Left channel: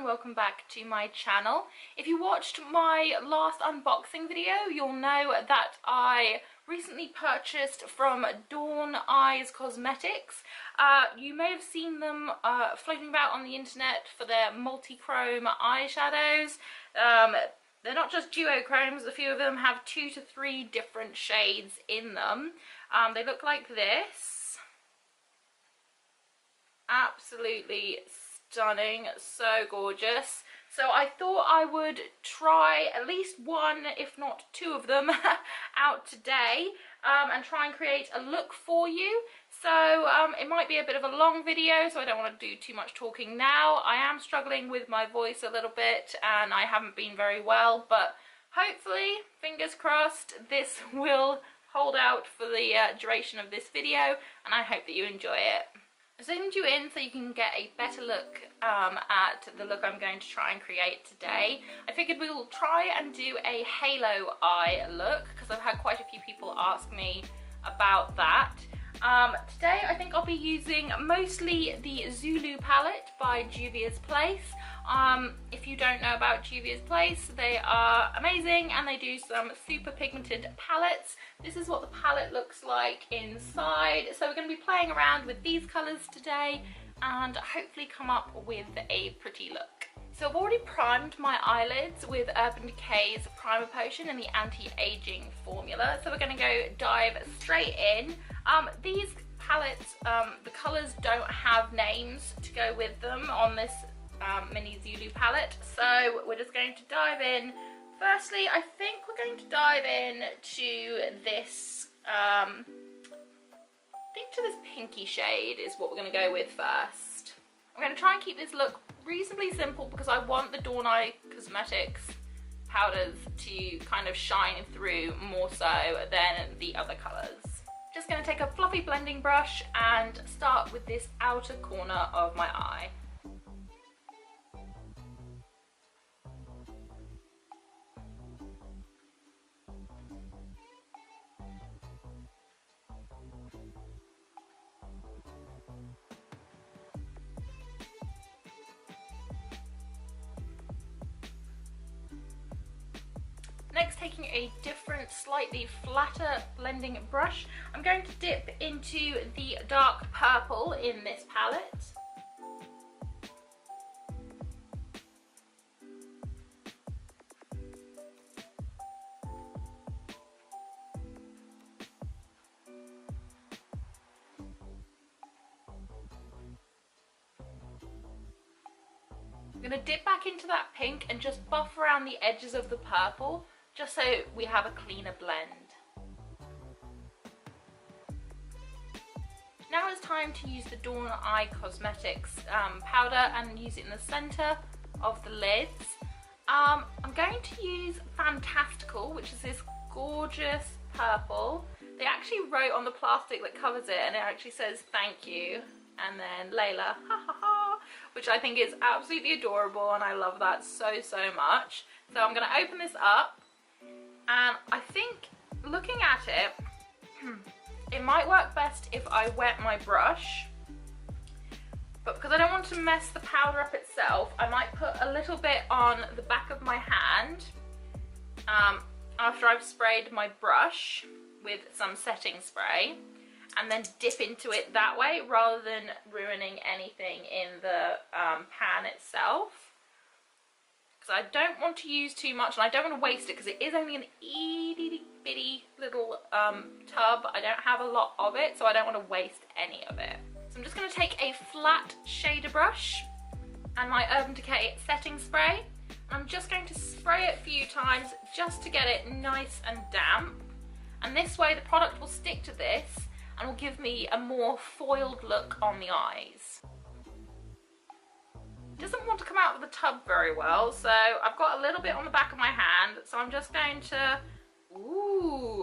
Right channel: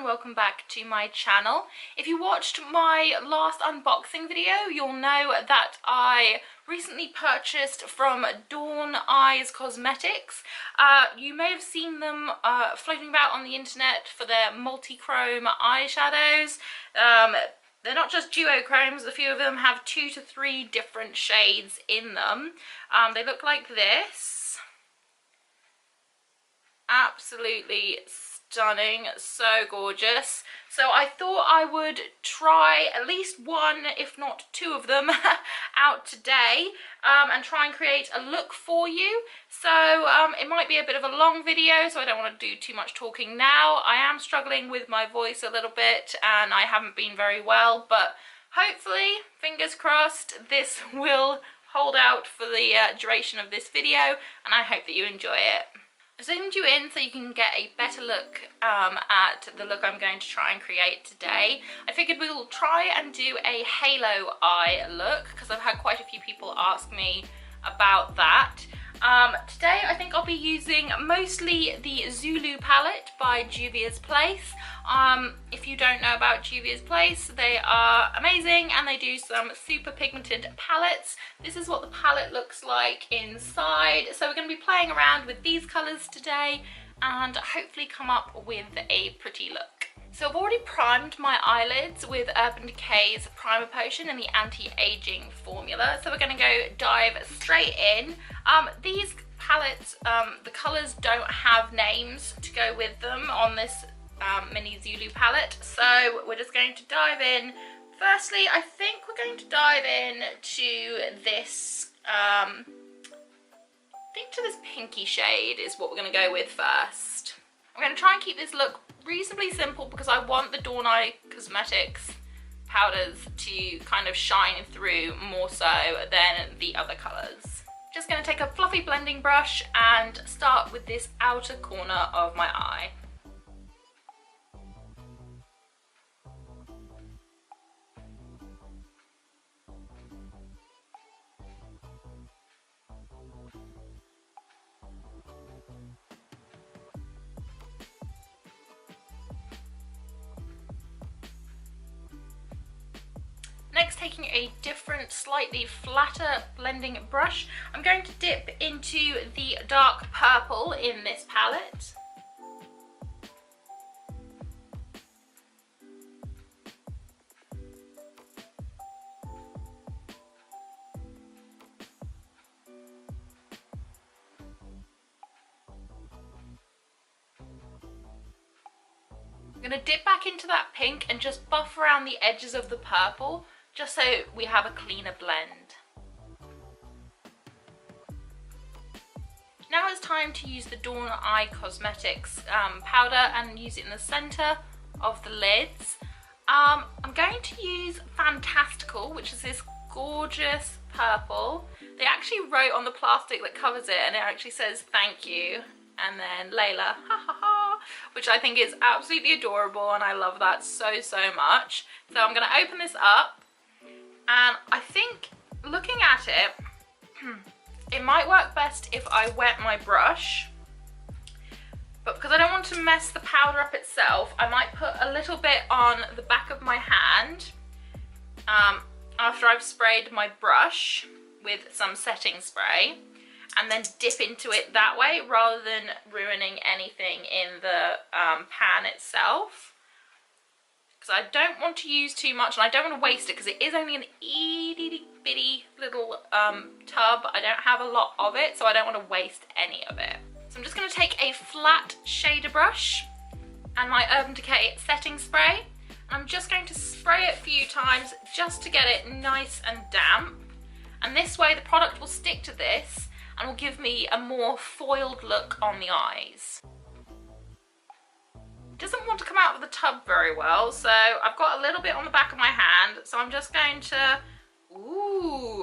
and welcome back to my channel. If you watched my last unboxing video, you'll know that I recently purchased from Dawn Eyes Cosmetics. You may have seen them floating about on the internet for their multi-chrome eyeshadows. They're not just duochromes, a few of them have 2 to 3 different shades in them. They look like this. Absolutely stunning, so gorgeous. So I thought I would try at least one, if not 2 of them out today and try and create a look for you. So it might be a bit of a long video, so I don't want to do too much talking now. I am struggling with my voice a little bit and I haven't been very well, but hopefully, fingers crossed, this will hold out for the duration of this video, and I hope that you enjoy it. I zoomed you in so you can get a better look at the look I'm going to try and create today. I figured we'll try and do a halo eye look because I've had quite a few people ask me about that. Today I think I'll be using mostly the Zulu palette by Juvia's Place. If you don't know about Juvia's Place, they are amazing and they do some super pigmented palettes. This is what the palette looks like inside. So we're going to be playing around with these colours today and hopefully come up with a pretty look. So I've already primed my eyelids with Urban Decay's Primer Potion in the anti-aging formula. So we're going to go dive straight in. These palettes, the colours don't have names to go with them on this mini Zulu palette. So we're just going to dive in. Firstly, I think we're going to dive in to this, this pinky shade is what we're going to go with first. I'm going to try and keep this look reasonably simple because I want the Dawn Eye Cosmetics powders to kind of shine through more so than the other colours. Just going to take a fluffy blending brush and start with this outer corner of my eye. Next, taking a different, slightly flatter blending brush, I'm going to dip into the dark purple in this palette. I'm going to dip back into that pink and just buff around the edges of the purple, just so we have a cleaner blend. Now it's time to use the Dawn Eye Cosmetics powder and use it in the centre of the lids. I'm going to use Fantastical, which is this gorgeous purple. They actually wrote on the plastic that covers it, and it actually says thank you, and then Layla, ha ha ha, which I think is absolutely adorable, and I love that so much. So I'm going to open this up. And I think, looking at it, it might work best if I wet my brush. But because I don't want to mess the powder up itself, I might put a little bit on the back of my hand after I've sprayed my brush with some setting spray. And then dip into it that way, rather than ruining anything in the pan itself. Because I don't want to use too much and I don't want to waste it because it is only an itty bitty little tub. I don't have a lot of it, so I don't want to waste any of it. So I'm just going to take a flat shader brush and my Urban Decay setting spray. And I'm just going to spray it a few times just to get it nice and damp. And this way the product will stick to this and will give me a more foiled look on the eyes. Doesn't want to come out of the tub very well, so I've got a little bit on the back of my hand, so I'm just going to,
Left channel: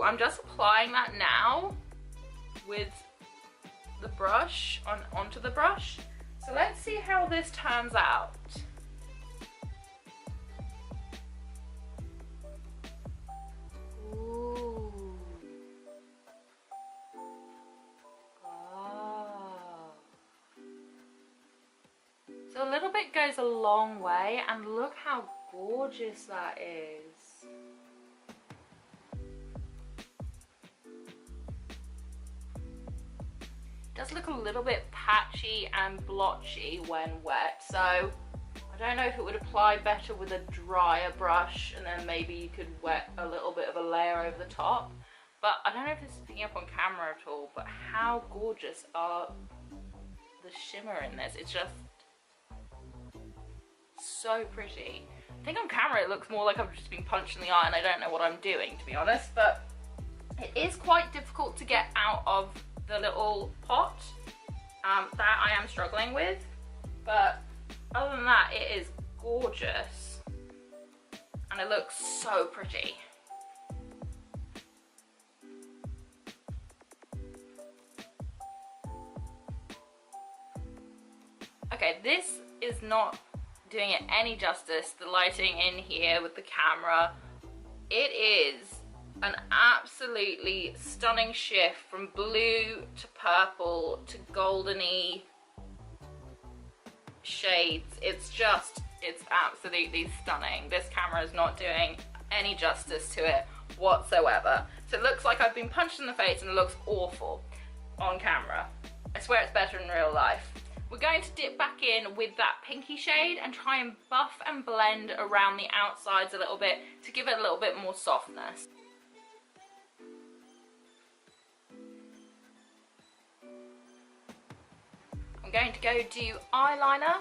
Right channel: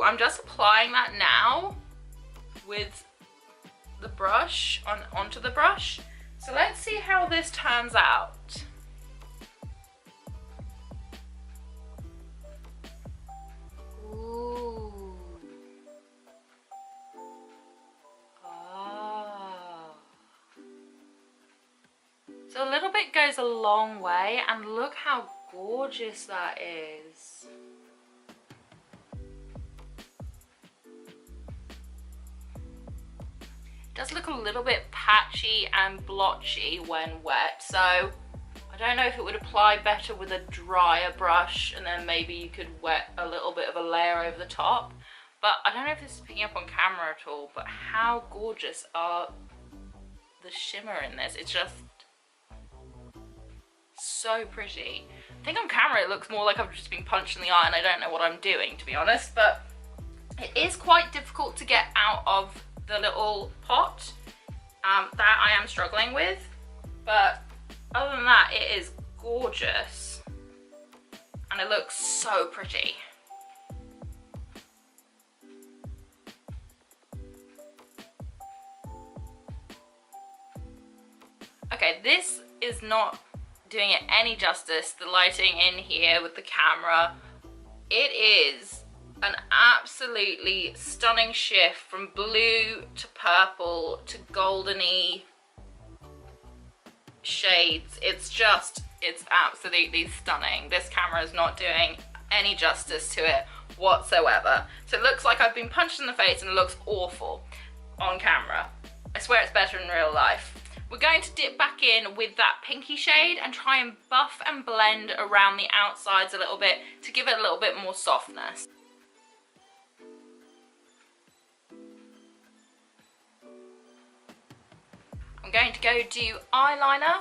I'm just applying that now with the brush, onto the brush. So let's see how this turns out. Ooh. Ah. So a little bit bit goes a long way, and look how gorgeous that is. It does look a little bit patchy and blotchy when wet, so I don't know if it would apply better with a drier brush, and then maybe you could wet a little bit of a layer over the top. But I don't know if this is picking up on camera at all, but how gorgeous are the shimmer in this? It's just so pretty. I think on camera it looks more like I've just been punched in the eye and I don't know what I'm doing, to be honest, but it is quite difficult to get out of the little pot that I am struggling with, but other than that, it is gorgeous and it looks so pretty. Okay, this is not doing it any justice, the lighting in here with the camera. It is an absolutely stunning shift from blue to purple to goldeny shades. It's absolutely stunning. This camera is not doing any justice to it whatsoever. So it looks like I've been punched in the face and it looks awful on camera. I swear it's better in real life. We're going to dip back in with that pinky shade and try and buff and blend around the outsides a little bit to give it a little bit more softness. I'm going to go do eyeliner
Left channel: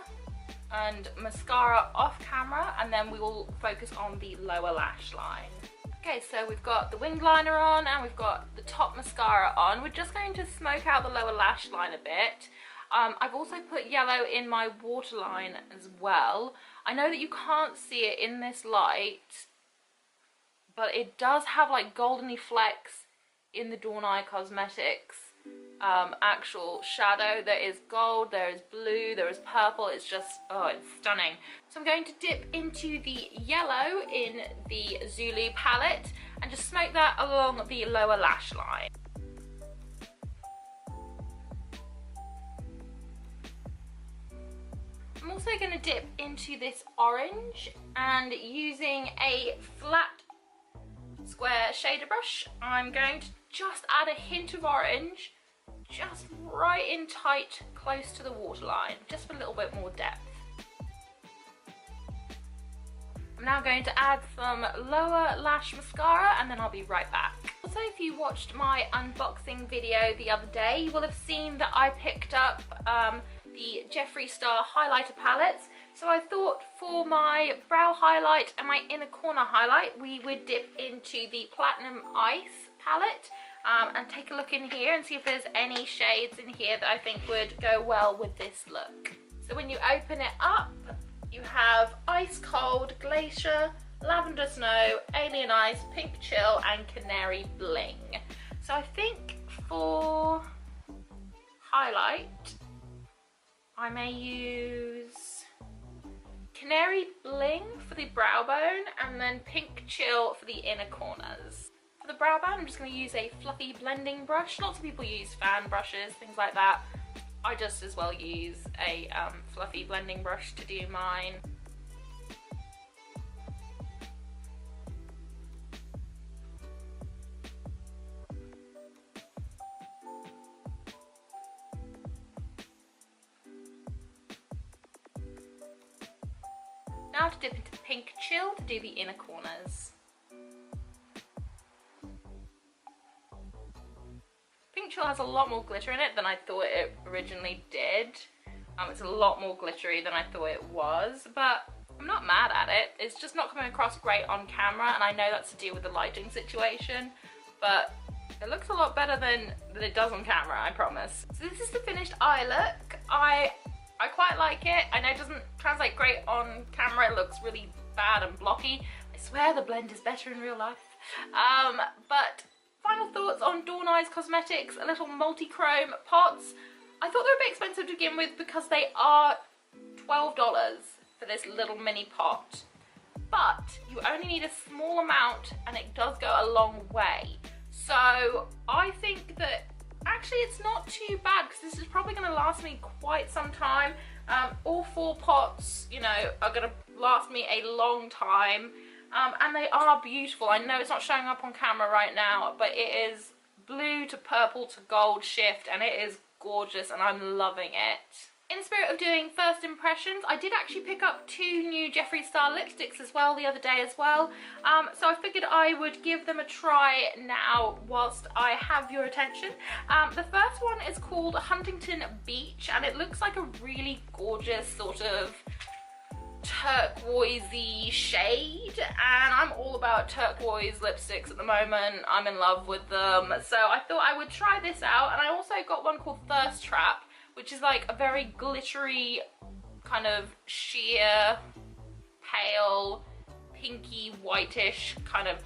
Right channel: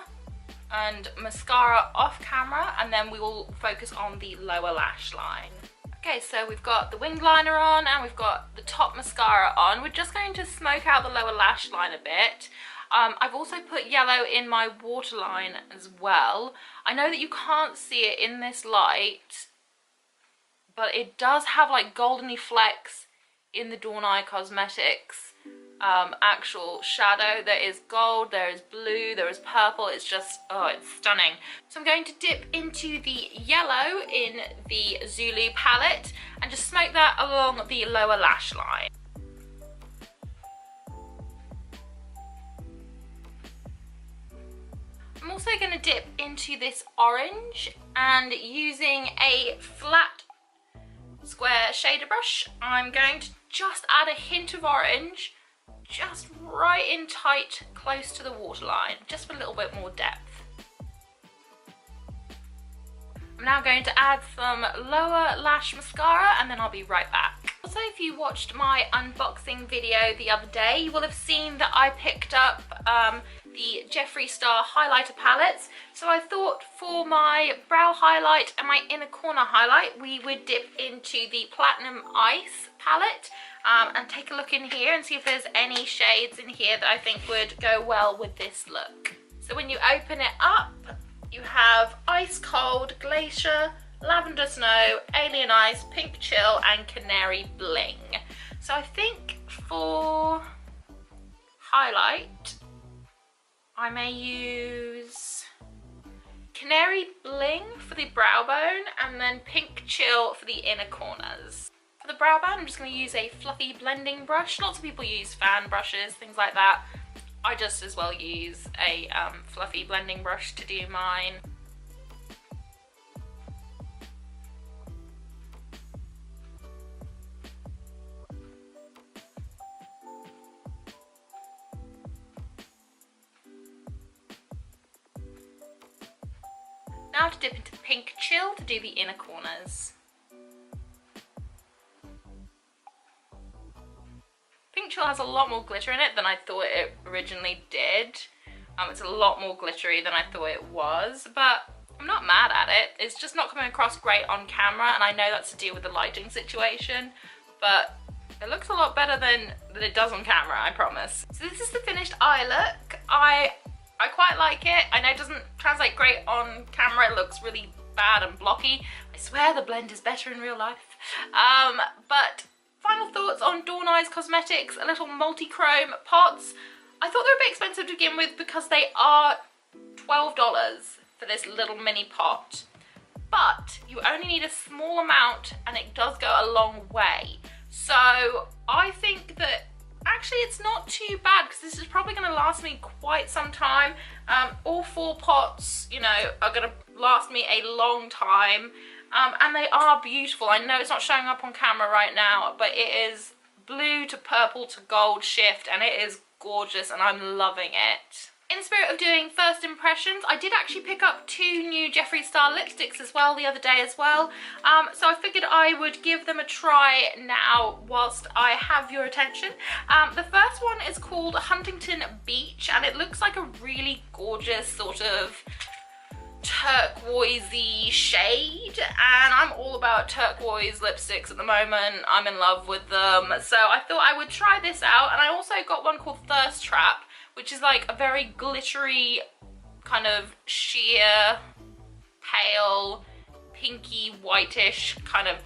and mascara off camera, and then we will focus on the lower lash line. Okay, so we've got the winged liner on and we've got the top mascara on. We're just going to smoke out the lower lash line a bit. I've also put yellow in my waterline as well. I know that you can't see it in this light, but it does have like goldeny flecks in the Dawn Eye Cosmetics actual shadow. There is gold, there is blue, there is purple. It's just, oh, it's stunning. So I'm going to dip into the yellow in the Zulu palette and just smoke that along the lower lash line. I'm also going to dip into this orange, and using a flat square shader brush, I'm going to just add a hint of orange, just right in tight, close to the waterline, just for a little bit more depth. I'm now going to add some lower lash mascara and then I'll be right back. Also, if you watched my unboxing video the other day, you will have seen that I picked up the Jeffree Star highlighter palettes. So I thought for my brow highlight and my inner corner highlight, we would dip into the Platinum Ice palette and take a look in here and see if there's any shades in here that I think would go well with this look. So when you open it up, you have Ice Cold, Glacier, Lavender Snow, Alien Ice, Pink Chill and Canary Bling. So I think for highlight, I may use Canary Bling for the brow bone and then Pink Chill for the inner corners. For the brow bone, I'm just going to use a fluffy blending brush. Lots of people use fan brushes, things like that. I just as well use a fluffy blending brush to do mine. Now to dip into Pink Chill to do the inner corners. Pink Chill has a lot more glitter in it than I thought it originally did. It's a lot more glittery than I thought it was, but I'm not mad at it. It's just not coming across great on camera, and I know that's to do with the lighting situation, but it looks a lot better than it does on camera, I promise. So this is the finished eye look. I quite like it. I know it doesn't translate great on camera. It looks really bad and blocky. I swear the blend is better in real life. But final thoughts on Dawn Eyes Cosmetics, a little multi-chrome pots. I thought they were a bit expensive to begin with because they are $12 for this little mini pot. But you only need a small amount and it does go a long way. So I think that actually it's not too bad because this is probably going to last me quite some time All 4 pots, you know, are gonna last me a long time, and they are beautiful. I know it's not showing up on camera right now, but it is blue to purple to gold shift, and it is gorgeous, and I'm loving it. In the spirit of doing first impressions, I did actually pick up 2 new Jeffree Star lipsticks as well the other day as well. So I figured I would give them a try now whilst I have your attention. The first one is called Huntington Beach, and it looks like a really gorgeous sort of turquoisey shade, and I'm all about turquoise lipsticks at the moment. I'm in love with them, so I thought I would try this out. And I also got one called Thirst Trap, which is like a very glittery kind of sheer pale pinky whitish kind of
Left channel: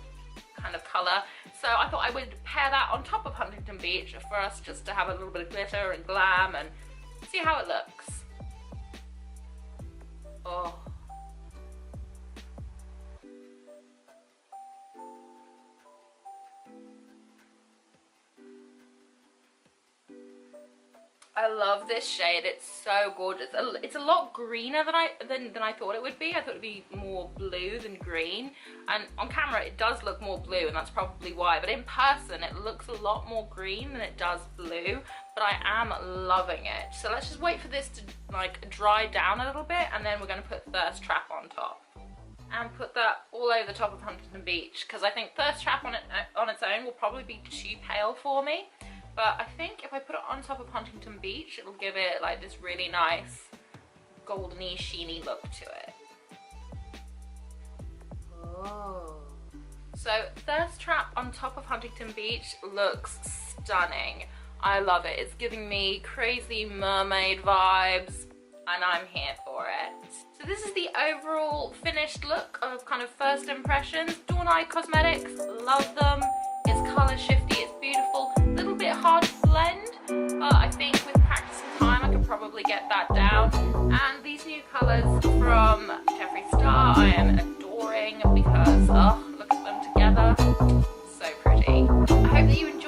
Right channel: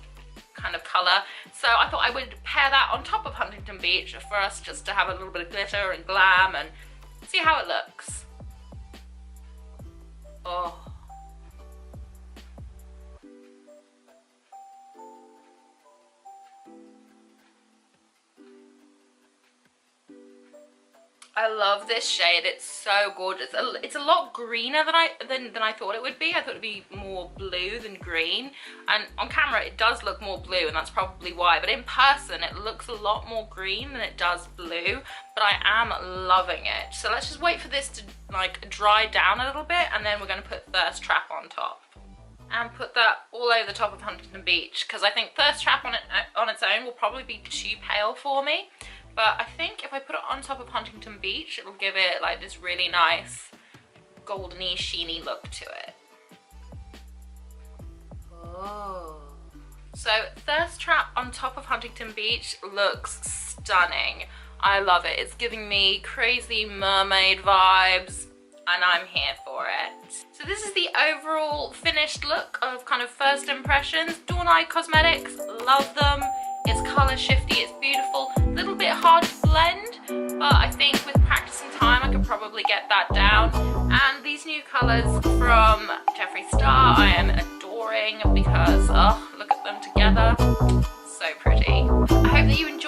color. So I thought I would pair that on top of Huntington Beach for us just to have a little bit of glitter and glam and see how it looks. Oh. I love this shade. It's so gorgeous. It's a lot greener than I thought it would be. I thought it'd be more blue than green, and on camera it does look more blue, and that's probably why, but in person it looks a lot more green than it does blue. But I am loving it. So let's just wait for this to like dry down a little bit, and then we're going to put Thirst Trap on top and put that all over the top of Huntington Beach, because I think Thirst Trap on its own will probably be too pale for me. But I think if I put it on top of Huntington Beach, it'll give it like this really nice goldeny, sheeny look to it. Oh. So Thirst Trap on top of Huntington Beach looks stunning. I love it. It's giving me crazy mermaid vibes, and I'm here for it. So this is the overall finished look of kind of first impressions. Dawn Eye Cosmetics, love them. It's colour shifty, it's beautiful, a little bit hard to blend, but I think with practice and time I could probably get that down. And these new colours from Jeffree Star I am adoring because, oh, look at them together, so pretty. I hope that you enjoyed